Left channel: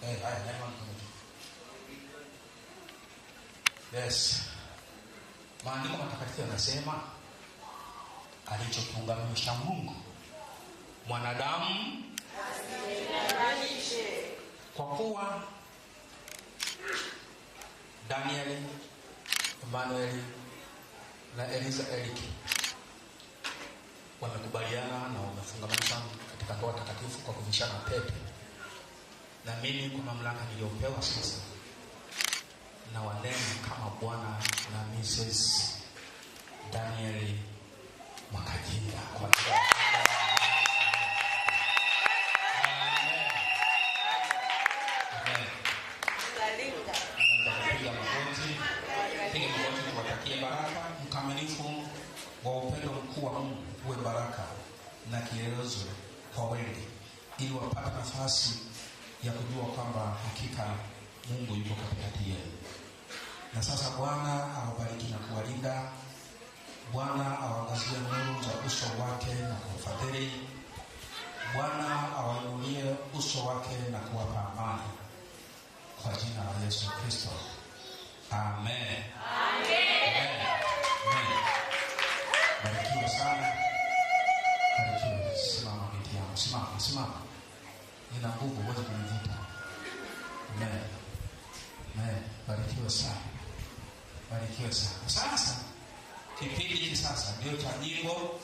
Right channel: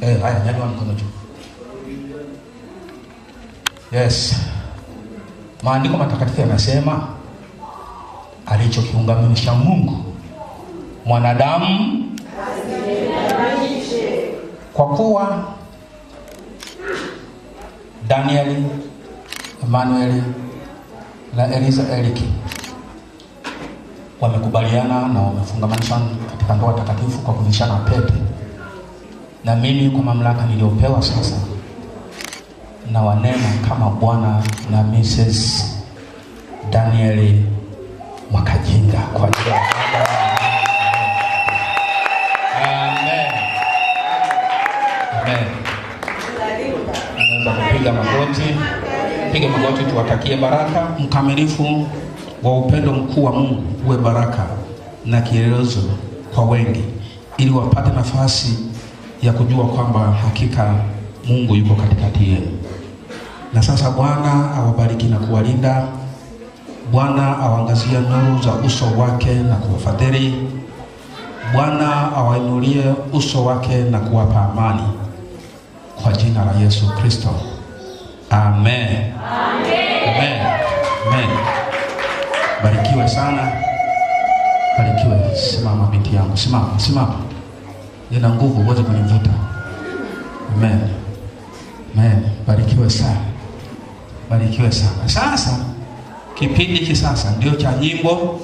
Haya, nyanyua mkono juu. Yes. Maandiko matakatifu yanasema alichokiunganisha Mungu mwanadamu asitenganishe. Kwa kuwa Danieli, Emmanuel na Eliza Eriki wamekubaliana na wamefungamanishwa katika ndoa takatifu kwa kuvishana pete, na mimi kwa mamlaka niliyopewa sasa na wanena kama Bwana na Mrs. Danieli Mwakajinga kwa jina la Amen. Amen. Piga magoti. Piga magoti tuwatakie baraka. Mkamilifu wa upendo mkuu wa Mungu uwe baraka na kielelezo kwa wengi, ili wapate nafasi ya kujua kwamba hakika Mungu yuko katikati yenu. Na sasa Bwana awabariki na kuwalinda. Bwana awaangazie nuru za uso wake na kuwafadhili. Bwana awainulie uso wake na kuwapa amani. Kwa jina la Yesu Kristo. Amen. Amen. Amen. Amen. Barikiwe sana. Barikiwe. Simama binti yangu. Simama. Nina nguvu, uweze kunivuta. Amen. Amen. Barikiwe sana. Barikiwe sana. Sasa kipindi hiki sasa ndio cha nyimbo